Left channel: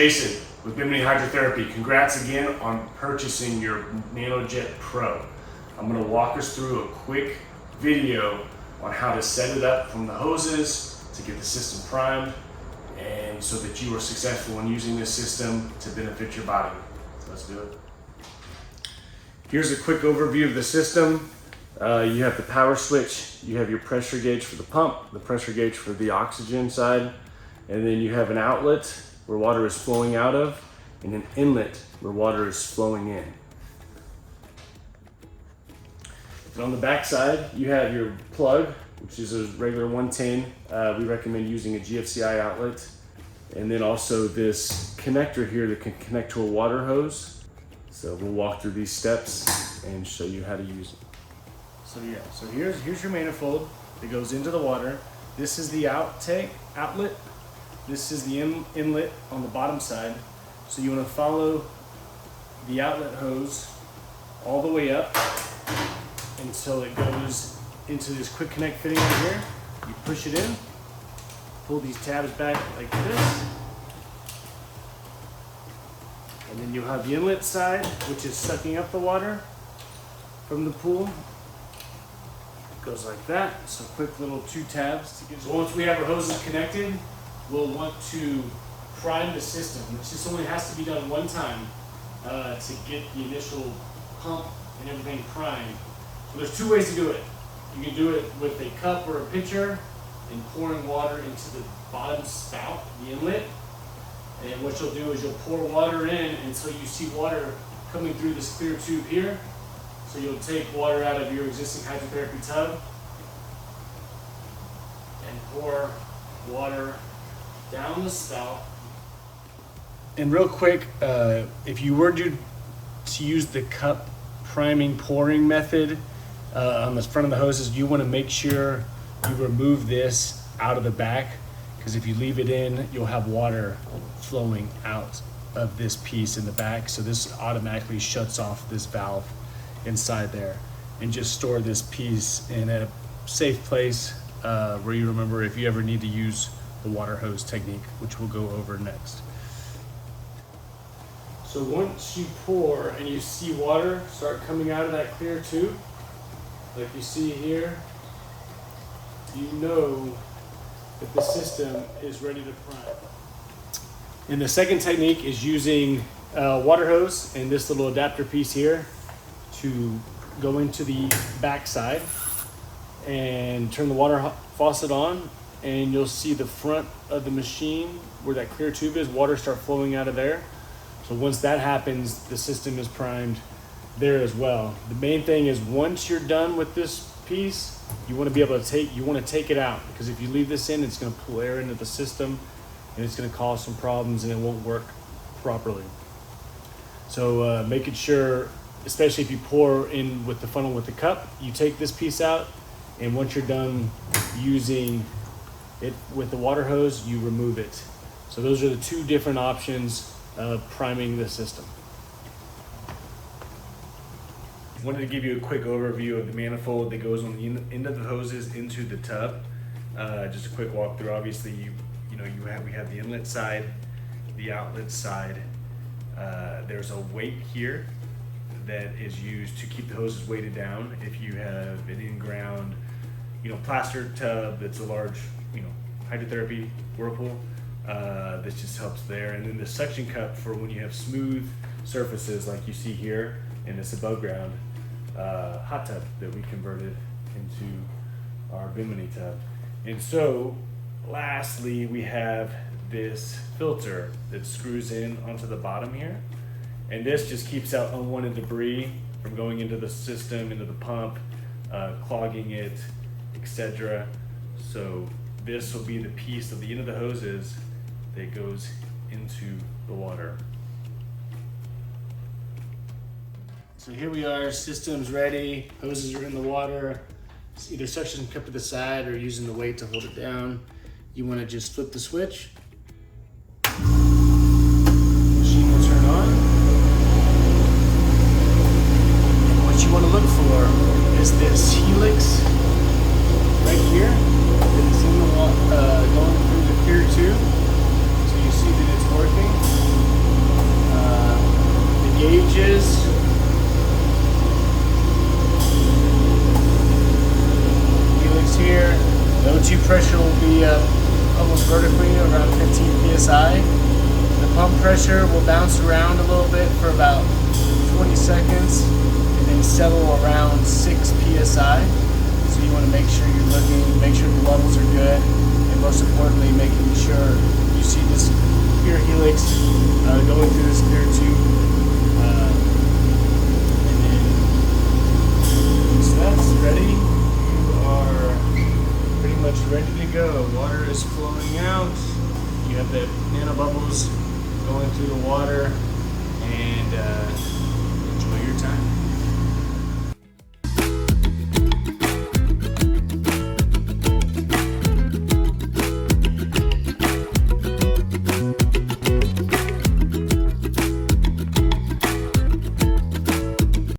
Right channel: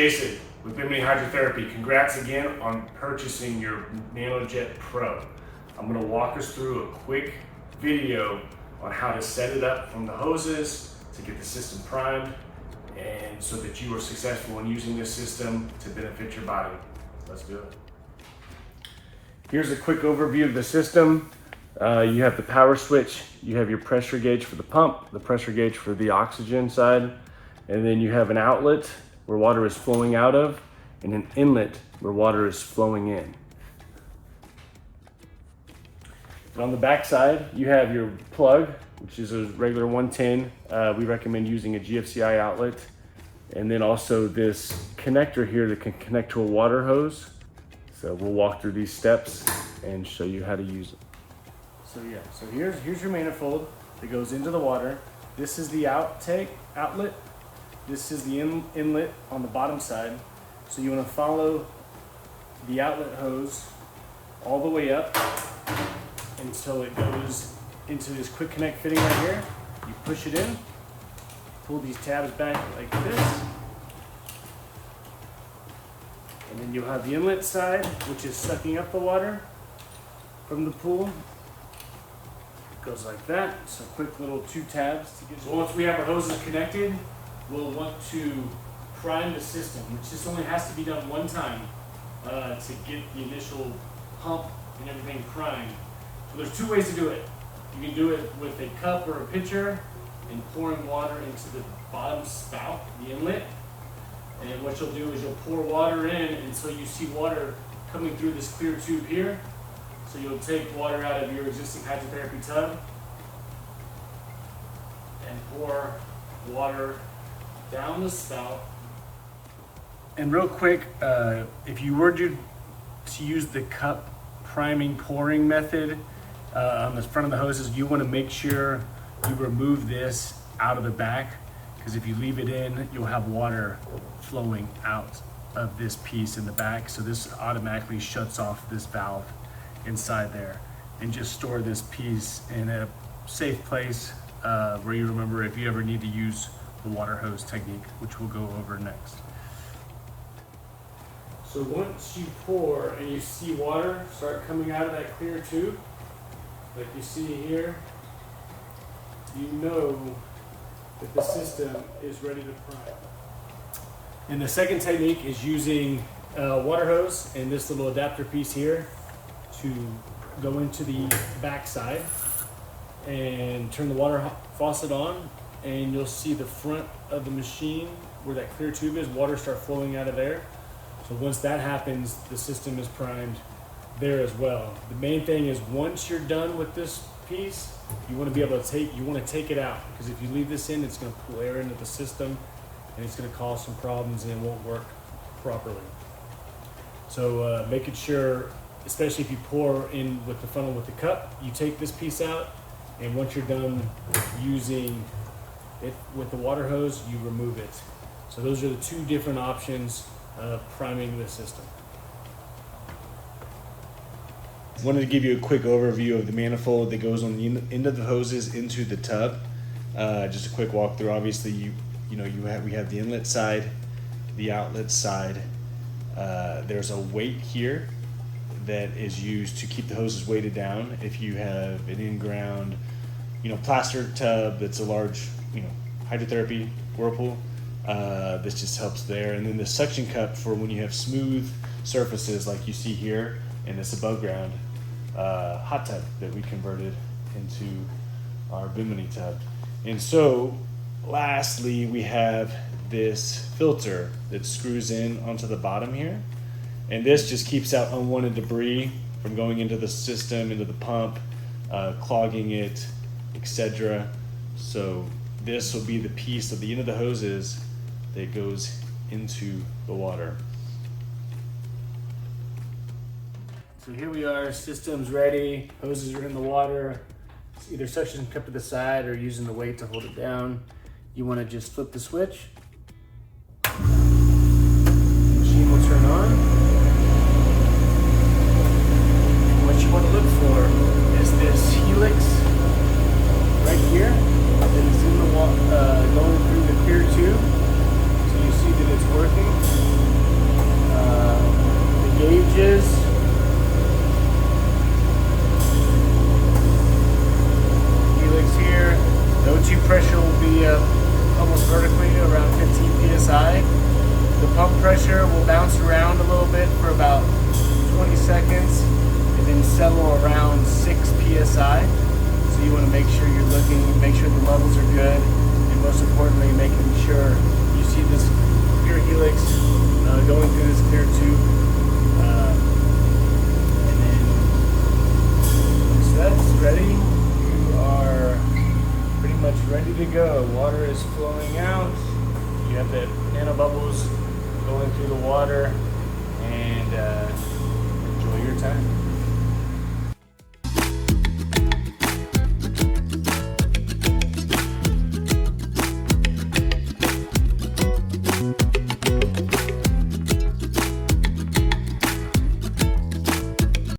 Jason with Bimini Hydrotherapy. Congrats again on purchasing your NanoJet Pro. I'm going to walk us through a quick video on how to set it up from the hoses to get the system primed and so that you are successful in using this system to benefit your body. So let's do it. Here's a quick overview of the system. You have the power switch, you have your pressure gauge for the pump, the pressure gauge for the oxygen side, and then you have an outlet where water is flowing out of and an inlet where water is flowing in. And on the back side, you have your plug, which is a regular 110. We recommend using a GFCI outlet. And then also this connector here that can connect to a water hose. So we'll walk through these steps and show you how to use it. So here's your manifold that goes into the water. This is the outlet. This is the inlet on the bottom side. So you want to follow the outlet hose all the way up until it goes into this quick connect fitting right here. You push it in, pull these tabs back like this, and then you'll have the inlet side, which is sucking up the water from the pool. Goes like that. So quick little 2 tabs to get. So once we have our hoses connected, we'll want to prime the system, which just only has to be done one time to get the initial pump and everything primed. So there's 2 ways to do it. You can do it with a cup or a pitcher and pouring water into the bottom spout, the inlet. And what you'll do is you'll pour water in until you see water coming through this clear tube here. So you'll take water out of your existing hydrotherapy tub and pour water down the spout. And real quick, if you were to use the cup priming pouring method on the front of the hoses, you want to make sure you remove this out of the back, because if you leave it in, you'll have water flowing out of this piece in the back. So this automatically shuts off this valve inside there, and just store this piece in a safe place where you remember if you ever need to use the water hose technique, which we'll go over next. So once you pour and you see water start coming out of that clear tube, like you see here, you know that the system is ready to prime. And the second technique is using water hose and this little adapter piece here to go into the back side and turn the water faucet on, and you'll see the front of the machine where that clear tube is, water start flowing out of there. So once that happens, the system is primed there as well. The main thing is once you're done with this piece, you want to be able to take it out, because if you leave this in, it's going to pull air into the system and it's going to cause some problems and it won't work properly. So making sure, especially if you pour in with the funnel with the cup, you take this piece out, and once you're done using it with the water hose, you remove it. So those are the 2 different options of priming the system. I wanted to give you a quick overview of the manifold that goes on the end of the hoses into the tub. Just a quick walkthrough. Obviously, we have the inlet side, the outlet side. There's a weight here that is used to keep the hoses weighted down. If you have an in-ground, plaster tub that's a large, hydrotherapy whirlpool, this just helps there. And then the suction cup for when you have smooth surfaces like you see here, and this above ground hot tub that we converted into our Bimini tub. And so lastly, we have this filter that screws in onto the bottom here. And this just keeps out unwanted debris from going into the system, into the pump, clogging it, etc. So this will be the piece of the end of the hoses that goes into the water. So here we are, system's ready, hoses are in the water. It's either suction cup to the side or using the weight to hold it down. You want to just flip the switch. Machine will turn on. What you want to look for is this helix right here that is in the going through the clear tube. So you see that it's working. temperature will bounce around a little bit for about 20 seconds and then settle around 6 psi. So you want to make sure you're looking, make sure the levels are good, and most importantly, making sure you see this clear helix going through this clear tube. And then once that's ready, you are pretty much ready to go. Water is flowing out. You have the nanobubbles going through the water, and enjoy your time.